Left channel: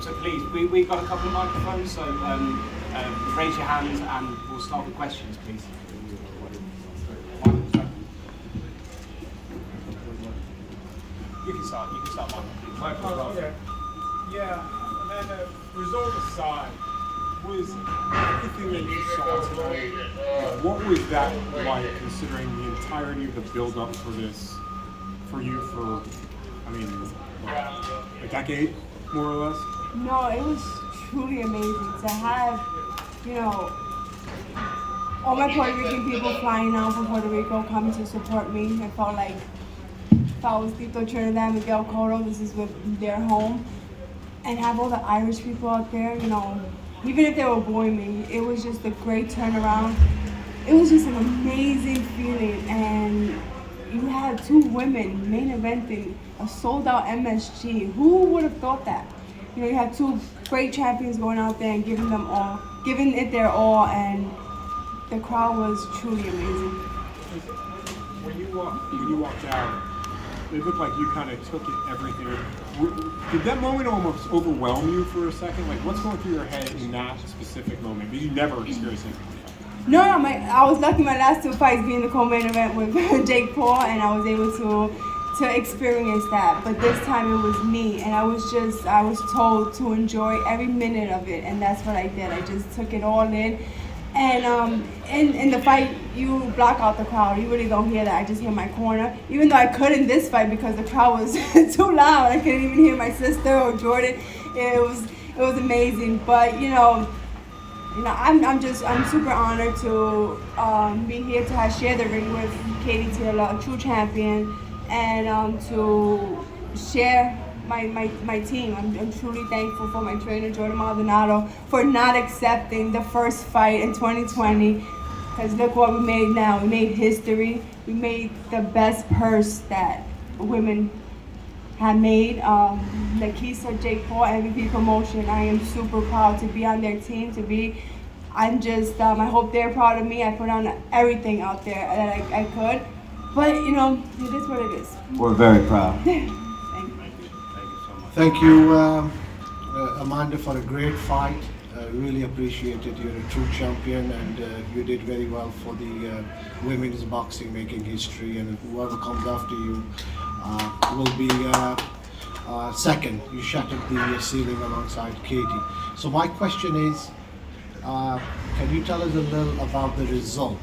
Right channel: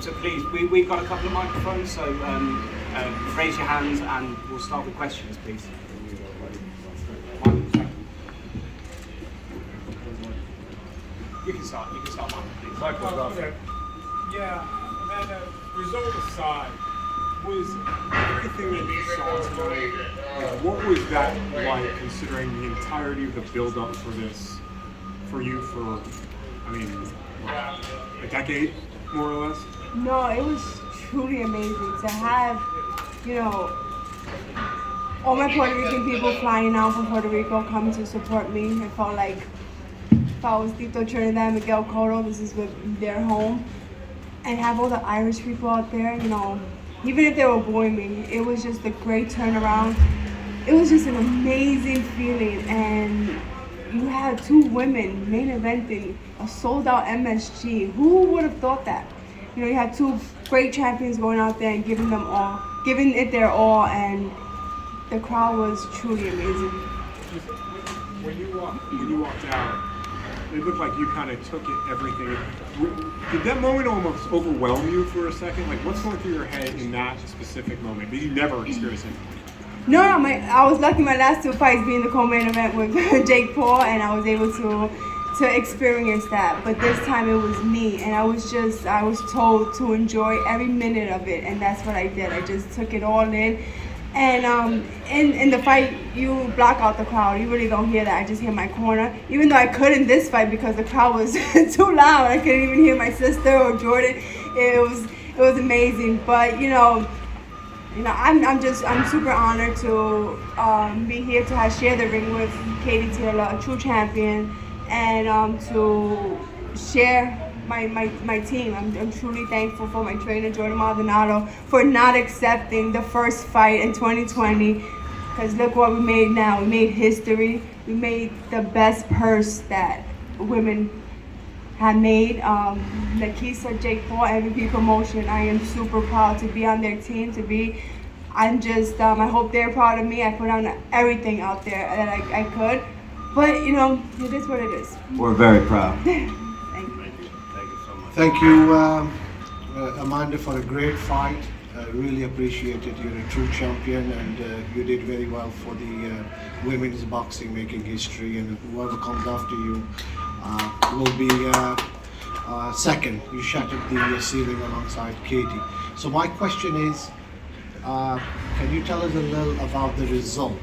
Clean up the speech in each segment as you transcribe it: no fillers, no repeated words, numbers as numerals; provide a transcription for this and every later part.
So please, we've got a couple of microphones, so raise your hands and we'll start with questions, please. You can start, Michael, please. Okay. Yeah, and result aside, was everything that you saw tonight, what was that like, considering the entirety of the build-up for this, for you for, I mean, a decade, more or less? No, it was truly amazing to have, all my Puerto Rican people flying out from Puerto Rico coming to support me. I felt like if I was Tito Trinidad, Miguel Cotto, this is their home. And have all the Irish people out there, even if they were booing me, it was just a great turnaround. It was just an amazing feeling. And you had two women main eventing a sold out MSG. Who would have thought that? You had two great champions going out there and giving it their all, and the crowd was truly amazing. When you walked out, it looked like you kind of took it, everything. Did that moment almost overwhelm you for a second? Like, what's going through your head in that specific moment? Did you never experience it? No, I was lucky my last two fights being the co-main event with Jake Paul, and I was able to experience that. But this time it was me, and I was told to enjoy every minute of it, and that's what I did. I just took it all in. And in the fight, you block out the crowd. You really don't hear that. I just hear my corner. Even though I could in this fight because the crowd was too loud. I couldn't even hear my sister or Jordan. It was amazing. But I'm super honored to be here to share the ring with Katie Taylor, a true champion, and to share my team. I'm truly thankful for my trainer, Jordan Maldonado, for not accepting the first fight in 2020. Because look what we made now. We made history. We made the best purse that women have made. Nakisa, Jake Paul, MVP Promotion. I am super proud to be on their team. I hope they're proud of me. I put on everything out there that I could. But, it is what it is. We're very proud. Thank you, Amanda, for a great fight. Really appreciate it. You're a true champion, and you did very well for the women's boxing, making history. And whoever comes after you will be second. You shattered the ceiling alongside Katie. So my question is, can you tell us a little about the result?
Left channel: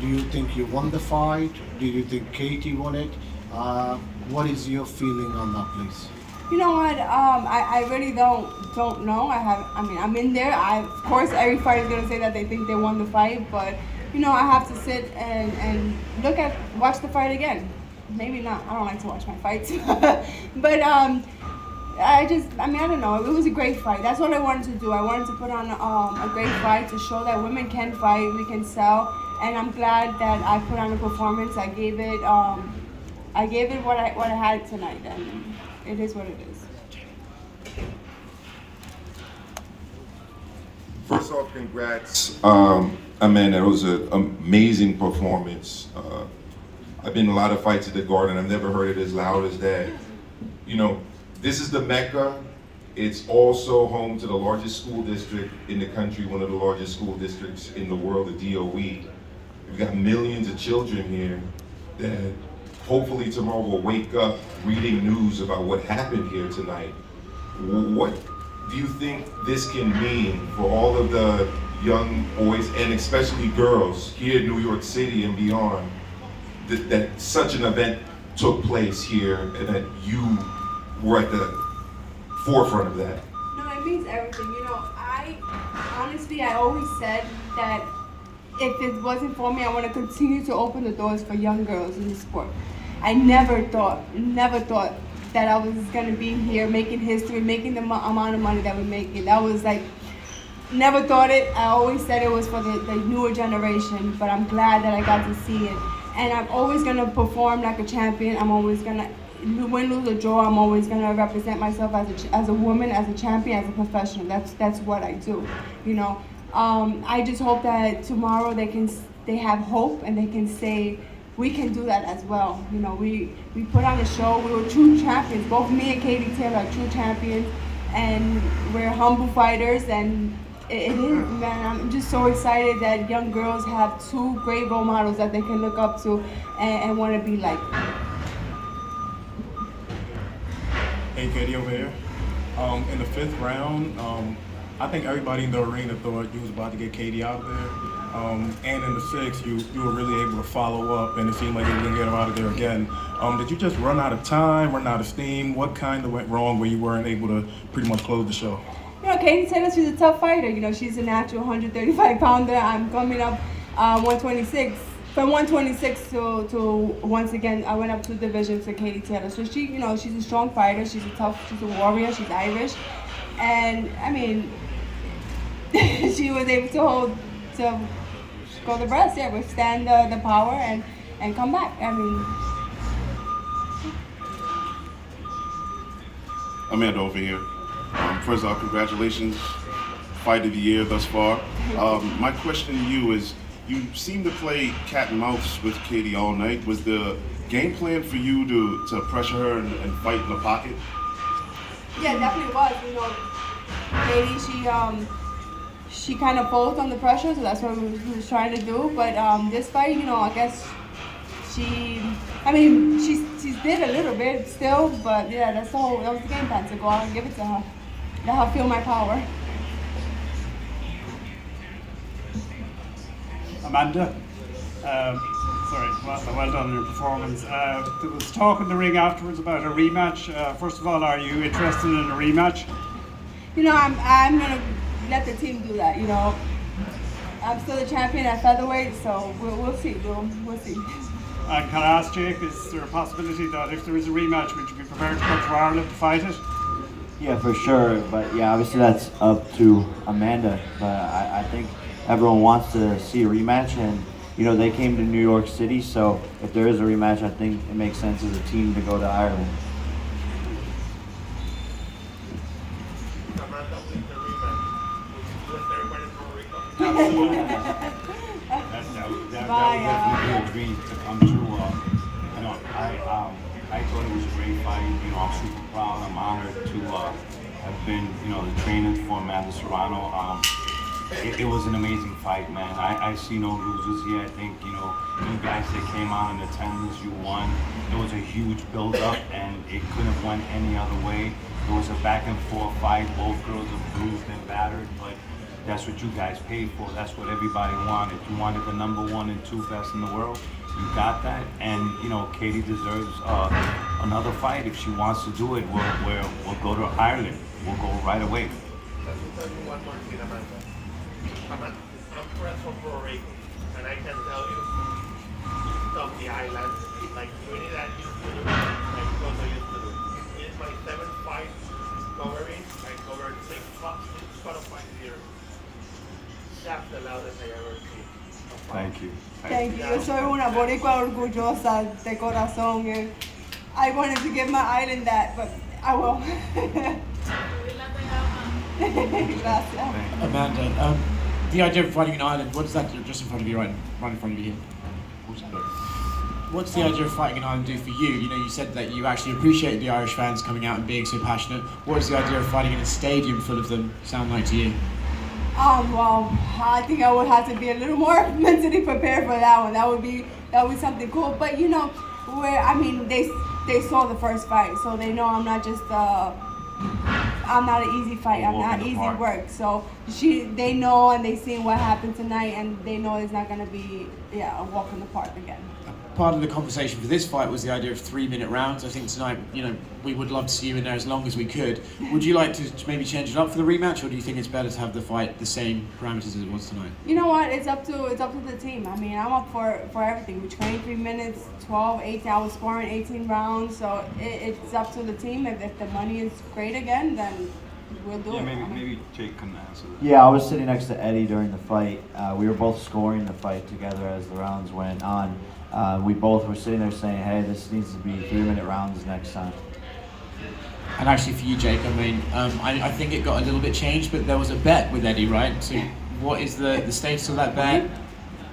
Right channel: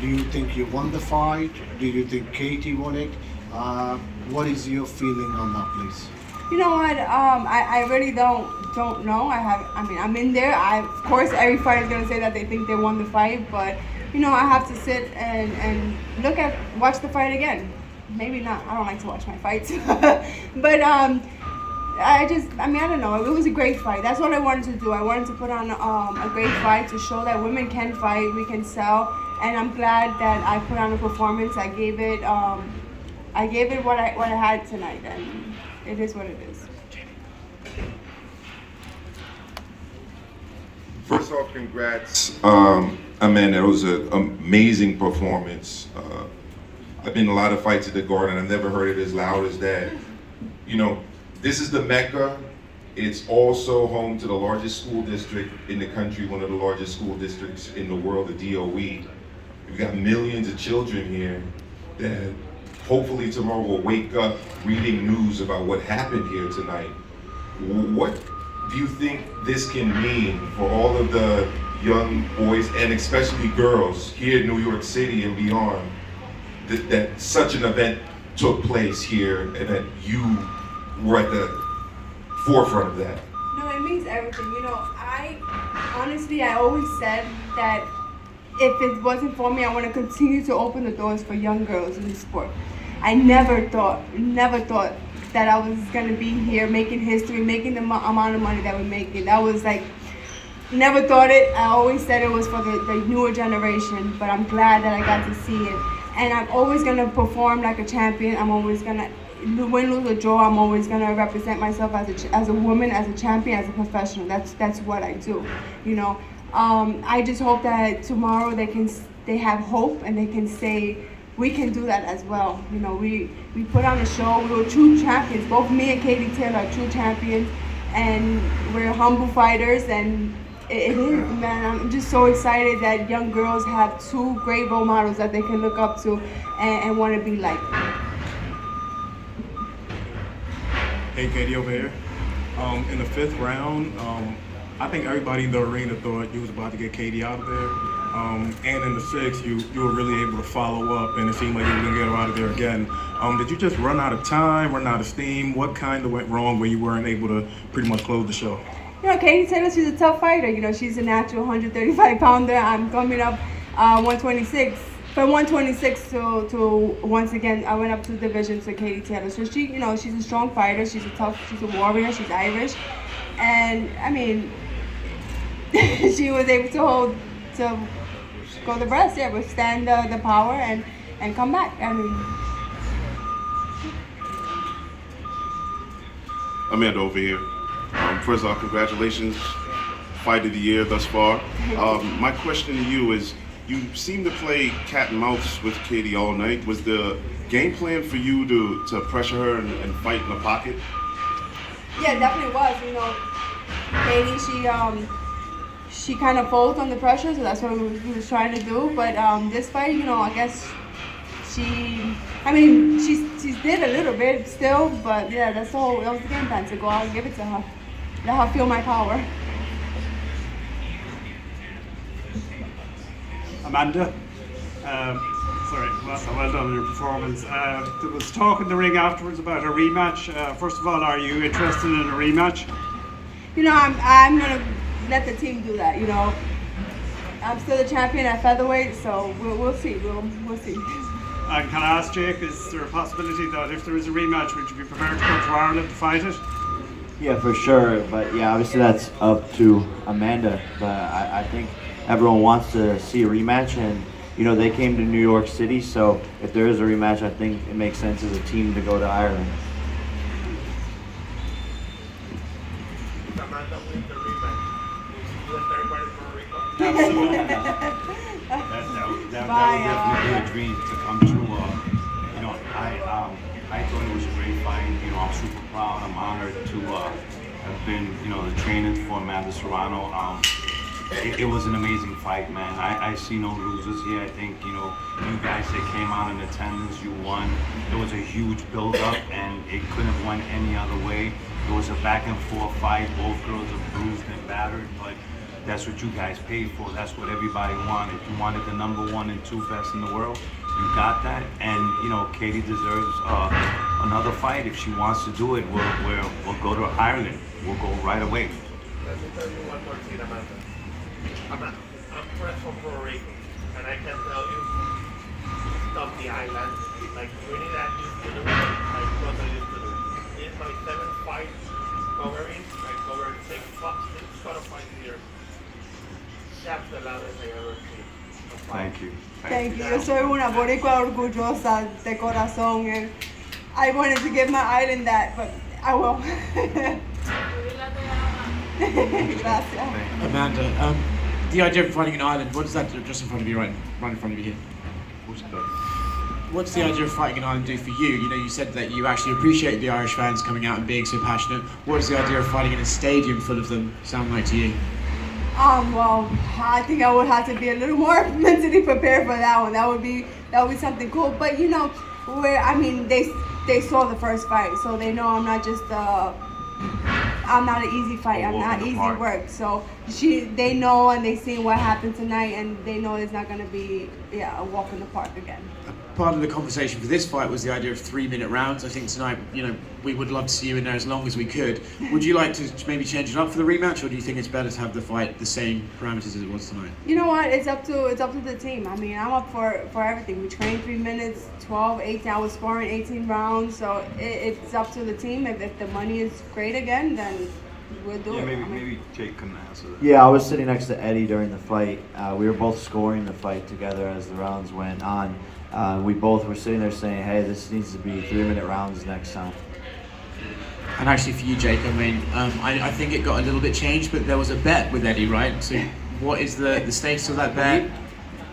Do you think you won the fight? Do you think Katie won it? What is your feeling on that, please? You know what? I really don't know. I'm in there. Of course, every fighter is gonna say that they think they won the fight, but I have to sit and watch the fight again. Maybe not. I don't like to watch my fights, but I don't know. It was a great fight. That's what I wanted to do. I wanted to put on a great fight to show that women can fight, we can sell, and I'm glad that I put on a performance. I gave it what I had tonight, and it is what it is. First off, congrats, Amanda. It was an amazing performance. I've been in a lot of fights at the Garden. I've never heard it as loud as that. This is the Mecca. It's also home to the largest school district in the country, one of the largest school districts in the world, the DOE. We've got millions of children here that hopefully tomorrow will wake up reading news about what happened here tonight. What do you think this can mean for all of the young boys and especially girls here in New York City and beyond, that such an event took place here and that you were at the forefront of that? No, it means everything. I always said that if it wasn't for me, I want to continue to open the doors for young girls in the sport. I never thought that I was going to be here making history, making the amount of money that we're making. That was never thought it. I always said it was for the newer generation, but I'm glad that I got to see it. And I'm always going to perform like a champion. I'm always going to win, lose, or draw. I'm always going to represent myself as a woman, as a champion, as a professional. That's what I do, I just hope that tomorrow they have hope and they can say we can do that as well. You know, we put on a show. We were true champions. Both me and Katie Taylor are true champions, and we're humble fighters. And it is, man. I'm just so excited that young girls have two great role models that they can look up to and want to be like. Hey, Katie over here. In the 5th round, I think everybody in the arena thought you was about to get Katie out of there. And in the 6th, you were really able to follow up, and it seemed like you were going to get her out of there again. Did you just run out of time, run out of steam? What kind of went wrong where you weren't able to pretty much close the show? You know, Katie Taylor, she's a tough fighter. You know, she's a natural 135-pounder. I'm coming up 126. From 126 to once again, I went up 2 divisions to Katie Taylor. So she, you know, she's a strong fighter. She's a warrior. She's Irish, and I mean, she was able to go the rest, yeah, withstand the power and come back. I mean. Amanda over here. First off, congratulations, fight of the year thus far. My question to you is, you seem to play cat and mouse with Katie all night. Was the game plan for you to pressure her and fight in the pocket? Yeah, definitely was. You know, Katie, she kind of folds on the pressure, so that's what we was trying to do. But this fight, you know, I guess she's did a little bit still, but yeah, that was the game plan, to go out and give it to her. Let her feel my power. Amanda, well done on your performance. There was talk in the ring afterwards about a rematch. First of all, are you interested in a rematch? You know, I'm gonna let the team do that. You know, I'm still the champion at featherweight, so we'll see. We'll see. And can I ask Jake, is there a possibility that if there is a rematch, would you be prepared to come to Ireland to fight it? Yeah, for sure. But yeah, obviously that's up to Amanda. But I think everyone wants to see a rematch, and you know they came to New York City, so if there is a rematch, I think it makes sense as a team to go to Ireland. Absolutely. That would definitely be a dream to come true. You know, I thought it was a great fight. You know, I'm super proud. I'm honored to have been, you know, the trainer for Madison, Serrano. It was an amazing fight, man. I see no losers here. I think, you know, you guys that came out in attendance, you won. It was a huge build-up, and it couldn't have went any other way. It was a back-and-forth fight. Both girls are bruised and battered, but that's what you guys paid for. That's what everybody wanted. You wanted the number 1 and 2 best in the world. You got that, and you know Katie deserves another fight. If she wants to do it, we'll go to Ireland. We'll go right away. Let me tell you one more thing, Amanda. I'm fresh from Puerto Rico, and I can tell you, from the island, like Trinidad used to do, like Costa used to do. This is my 7th fight covering. I covered 6 fights here. That's the loudest I ever seen. Thank you. Thank you. Yo soy una boricua orgullosa de corazón. I wanted to give my island that, but I will. Gracias. Amanda, the idea of fighting in Ireland, what does that do just in front of you, right in front of you here? What's the idea of fighting in Ireland do for you? You know, you said that you actually appreciate the Irish fans coming out and being so passionate. What does the idea of fighting in a stadium full of them sound like to you? Well, I think I would have to be a little more mentally prepared for that one. That would be something cool. But you know, they saw the first fight, so they know I'm not just I'm not an easy fight. I'm not easy work. So they know, and they see what happened tonight, and they know it's not gonna be a walk in the park again. Part of the conversation for this fight was the idea of 3-minute rounds. I think tonight, you know, we would love to see you in there as long as we could. Would you like to maybe change it up for the rematch, or do you think it's better to have the fight the same parameters as it was tonight? You know what? It's up to the team. I mean, I'm up for everything. We trained 3 minutes, 12, 18. I was scoring 18 rounds, so it's up to the team. If the money is great again, then we'll do it. Maybe Jake can answer that. Yeah, I was sitting next to Eddie during the fight. We were both scoring the fight together as the rounds went on. We both were sitting there saying, hey, this needs to be 3-minute rounds next time. And actually for you, Jake, I mean, I think it got a little bit changed, but there was a bet with Eddie, right? So what is the status of that bet?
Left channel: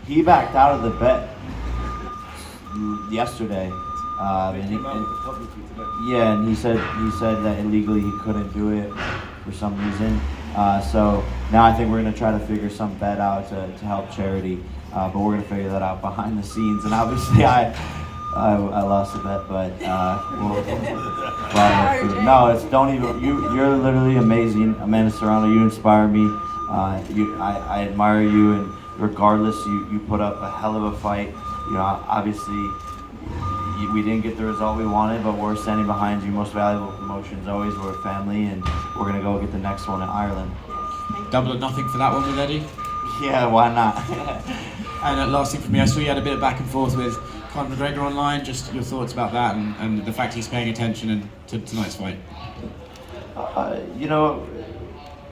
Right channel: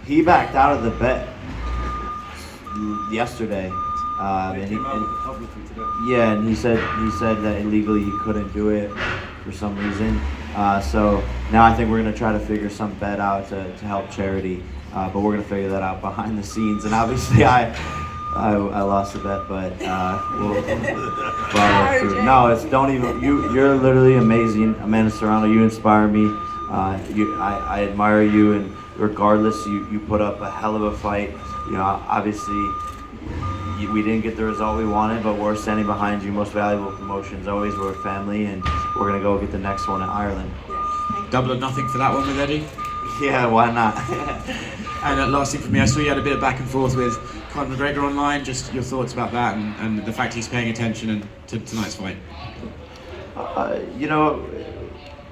He backed out of the bet. yesterday. They came out with it publicly today. Yeah, and he said that illegally he couldn't do it for some reason. So now I think we're gonna try to figure some bet out to help charity, but we're gonna figure that out behind the scenes. And obviously I lost the bet, but no, it's don't even. You're literally amazing, Amanda Serrano. You inspire me. I admire you, and regardless, you put up a hell of a fight. You know, obviously. We didn't get the result we wanted, but we're standing behind you. Most valuable promotions always. We're a family, and we're gonna go get the next one in Ireland. Double or nothing for that one with Eddie. Yeah, why not? And last thing for me, I saw you had a bit of back and forth with Conor McGregor online. Just your thoughts about that and the fact he's paying attention to tonight's fight. You know,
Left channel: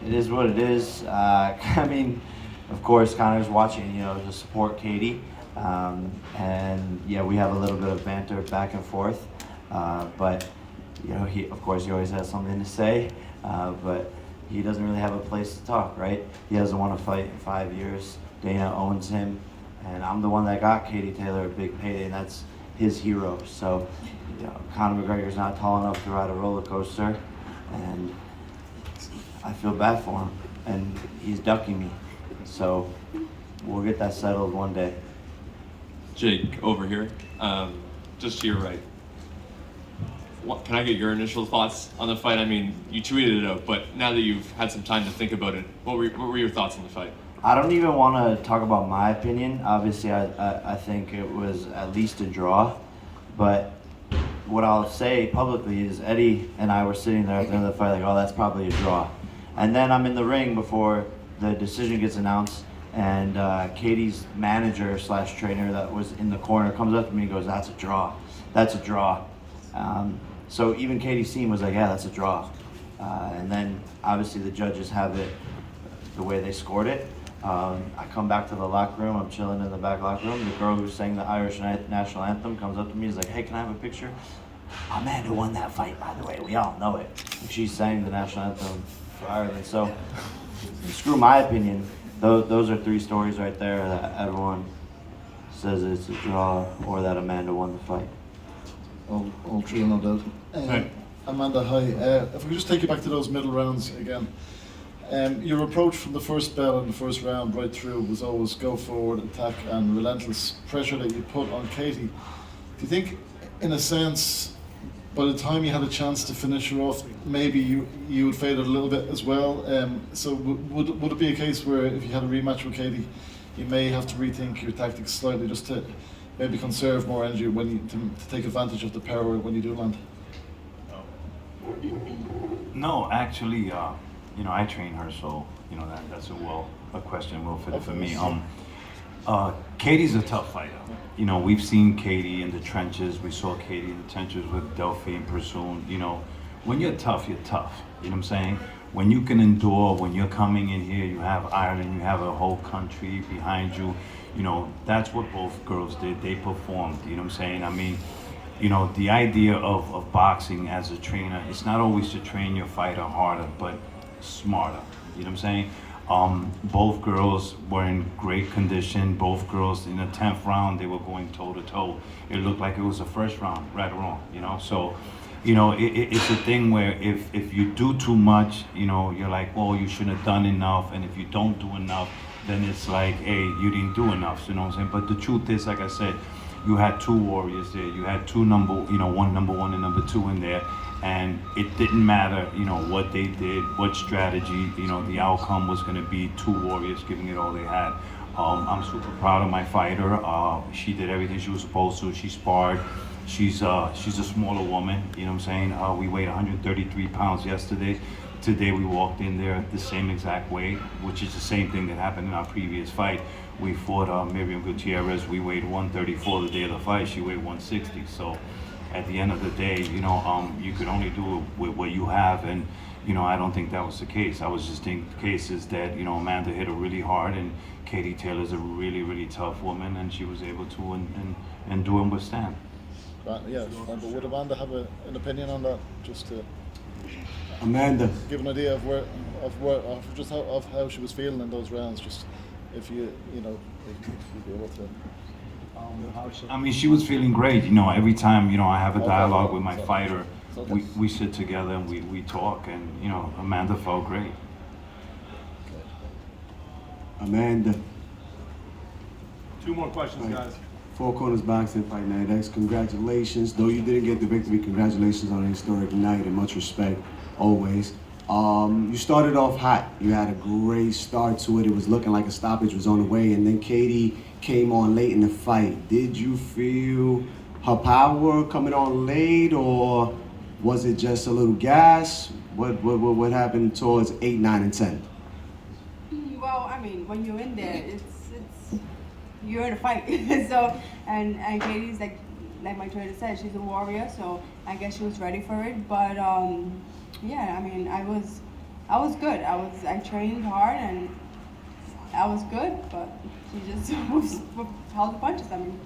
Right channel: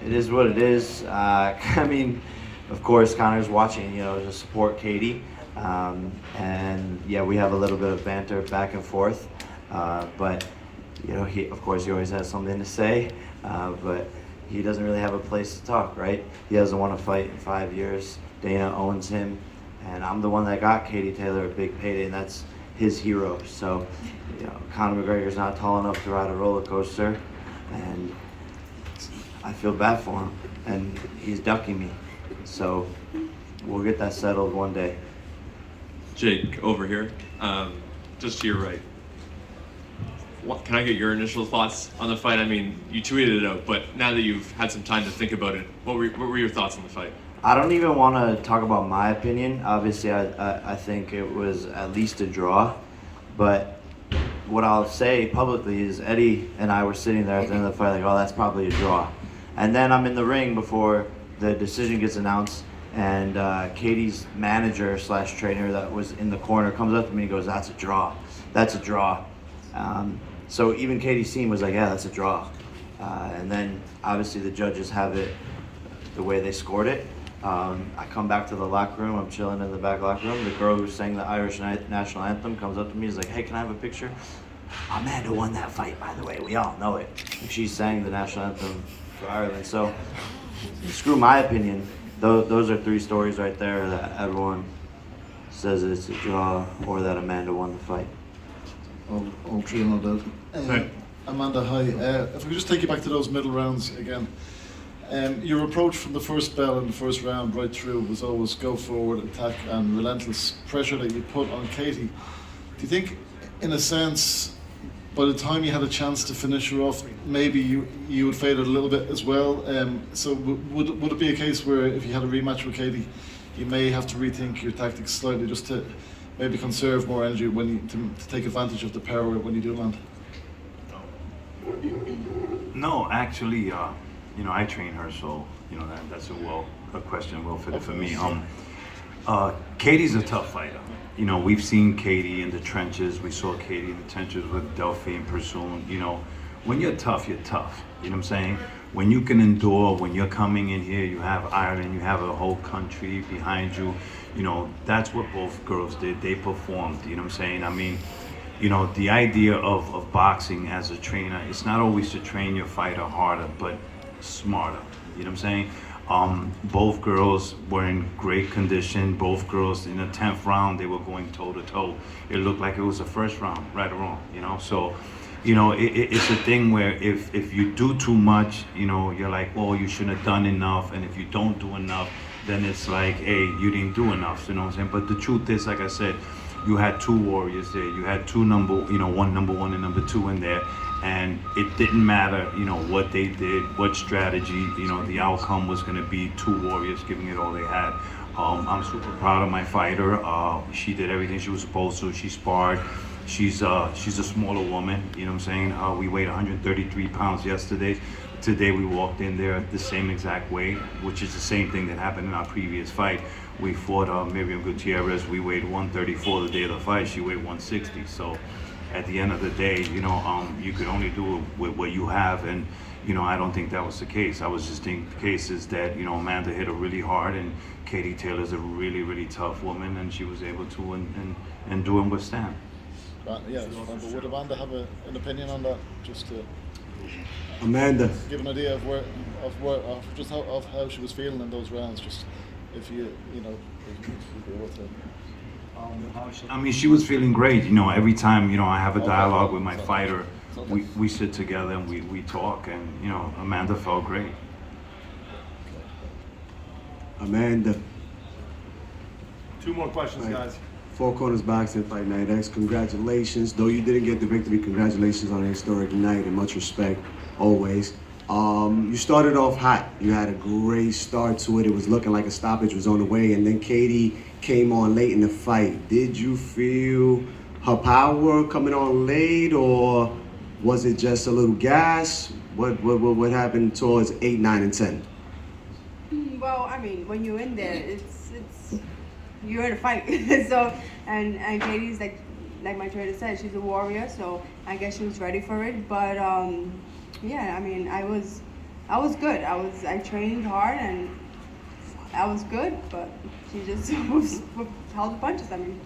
it is what it is. I mean, of course, Conor's watching. You know, to support Katie. And yeah, we have a little bit of banter back and forth, but you know, he always has something to say, but he doesn't really have a place to talk, right? He hasn't won a fight in 5 years. Dana owns him, and I'm the one that got Katie Taylor a big payday, and that's his hero. So, you know, Conor McGregor's not tall enough to ride a roller coaster, and I feel bad for him, and he's ducking me. So we'll get that settled one day. Jake, over here, just to your right. Can I get your initial thoughts on the fight? I mean, you tweeted it out, but now that you've had some time to think about it, what were your thoughts on the fight? I don't even want to talk about my opinion. Obviously, I think it was at least a draw, but what I'll say publicly is Eddie and I were sitting there at the end of the fight like, oh, that's probably a draw. And then I'm in the ring before the decision gets announced, and Katie's manager / trainer that was in the corner comes up to me and goes, that's a draw. That's a draw. So even Katie's team was like, yeah, that's a draw. And then obviously the judges have it the way they scored it. I come back to the locker room, I'm chilling in the back locker room. The girl who sang the Irish national anthem comes up to me and is like, hey, can I have a picture? Amanda won that fight, by the way, we all know it. She sang the national anthem for Ireland. So screw my opinion. Those are 3 stories right there that everyone says it's a draw or that Amanda won the fight. All 3 on that. Amanda, hi. If we could just take you back to those middle rounds again. Your approach from the first bell in the first round right through was always go forward, attack, and relentless pressure that you put on Katie. Do you think, in a sense, by the time you had a chance to finish her off, maybe you would fade it a little bit as well? So would it be a case where if you had a rematch with Katie, you may have to rethink your tactics slightly just to maybe conserve more energy to take advantage of the power when you do land? No, actually, you know, I train her, so you know that's a question well fitted for me. Katie's a tough fighter. You know, we've seen Katie in the trenches. We saw Katie in the trenches with Delphine Pursoon. You know, when you're tough, you're tough. You know what I'm saying? When you can endure, when you're coming in here, you have Ireland, you have a whole country behind you. You know, that's what both girls did. They performed. You know what I'm saying? I mean, you know, the idea of boxing as a trainer, it's not always to train your fighter harder, but smarter. You know what I'm saying? Both girls were in great condition. Both girls in the 10th round, they were going toe to toe. It looked like it was the first round, right or wrong, you know? So, you know, it's a thing where if you do too much, you know, you're like, oh, you shouldn't have done enough. And if you don't do enough, then it's like, hey, you didn't do enough, you know what I'm saying? But the truth is, like I said, you had 2 warriors there. You had 2 one number 1 and number 2 in there. And it didn't matter, you know, what they did, what strategy, you know, the outcome was going to be 2 warriors giving it all they had. I'm super proud of my fighter. She did everything she was supposed to. She sparred. She's a smaller woman, you know what I'm saying? We weighed 133 pounds yesterday. Today we walked in there the same exact way, which is the same thing that happened in our previous fight. We fought Miriam Gutierrez. We weighed 134 the day of the fight. She weighed 160. So at the end of the day, you know, you could only do it with what you have, and you know, I don't think that was the case. I was just thinking the case is that, you know, Amanda hit her really hard, and Katie Taylor's a really, really tough woman, and she was able to endure and withstand. Yeah, but would Amanda have an opinion on that, just to Amanda, give an idea of how she was feeling in those rounds, just if you'd be able to? I mean, she was feeling great. You know, every time, you know, I have a dialogue with my fighter, we sit together and we talk, and, you know, Amanda felt great. Amanda. Two more questions, guys. Four Corners Boxing Fight Night X. Congratulations. Though you didn't get the victory, congratulations on a historic night and much respect always. You started off hot. You had a great start to it. It was looking like a stoppage was on the way, and then Katie came on late in the fight. Did you feel her power coming on late, or was it just a little gas? What happened towards 8, 9, and 10? Well, I mean, when you're in there, you're in a fight. So, and Katie's like my trainer said, she's a warrior. So I guess she was ready for it. But yeah, I mean, I was good. I trained hard and I was good. But she just held the punches. I mean.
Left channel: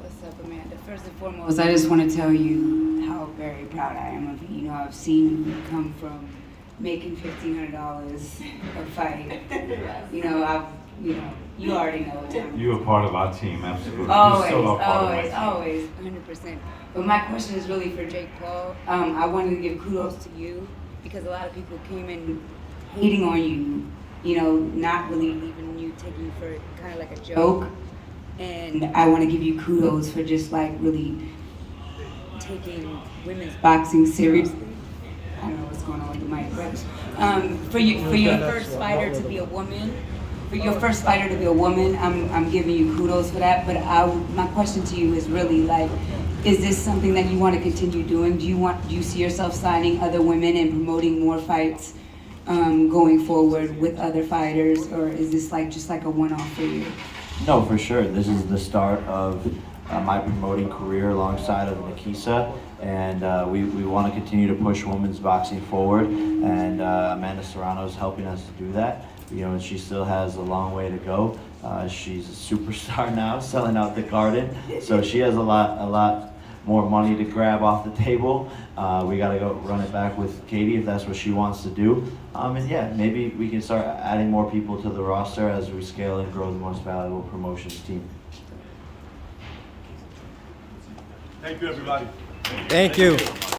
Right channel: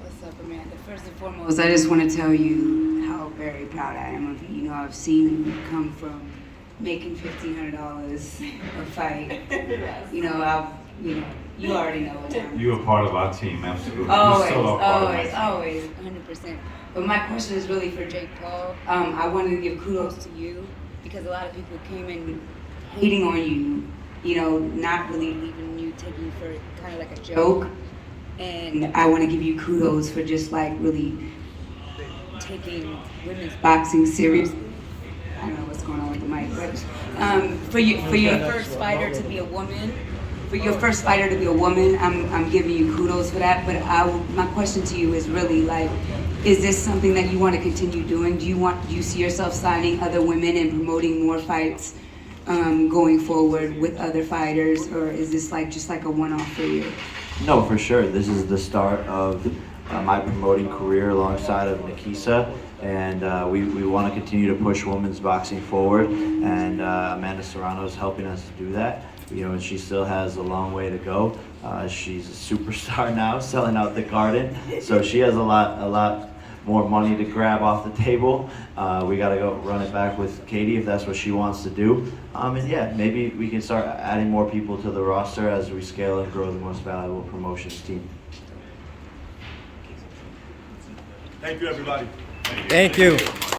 What's up, Amanda? First and foremost, I just want to tell you how very proud I am of you. You know, I've seen you come from making $1,500 a fight. You already know. You're a part of our team, absolutely. Always, You're still a part of my team. always, 100%. But my question is really for Jake Paul. I wanted to give kudos to you because a lot of people came in hating on you, you know, not really leaving you, taking you for kind of like a joke. And I want to give you kudos for just like really taking women's boxing seriously. I don't know what's going on with the mic, but for your first fighter to be a woman, I'm giving you kudos for that. But my question to you is really like, is this something that you want to continue doing? Do you see yourself signing other women and promoting more fights going forward with other fighters, or is this like just like a one-off for you? No, for sure. This is the start of my promoting career alongside of Nikisa, and we want to continue to push women's boxing forward, and Amanda Serrano is helping us do that. You know, she still has a long way to go. She's a superstar now, selling out the Garden, so she has a lot more money to grab off the table. We got to go run it back with Katie if that's what she wants to do. And yeah, maybe we can start adding more people to the roster as we scale and grow the most valuable promotions team. Thank you, everybody. Thank you.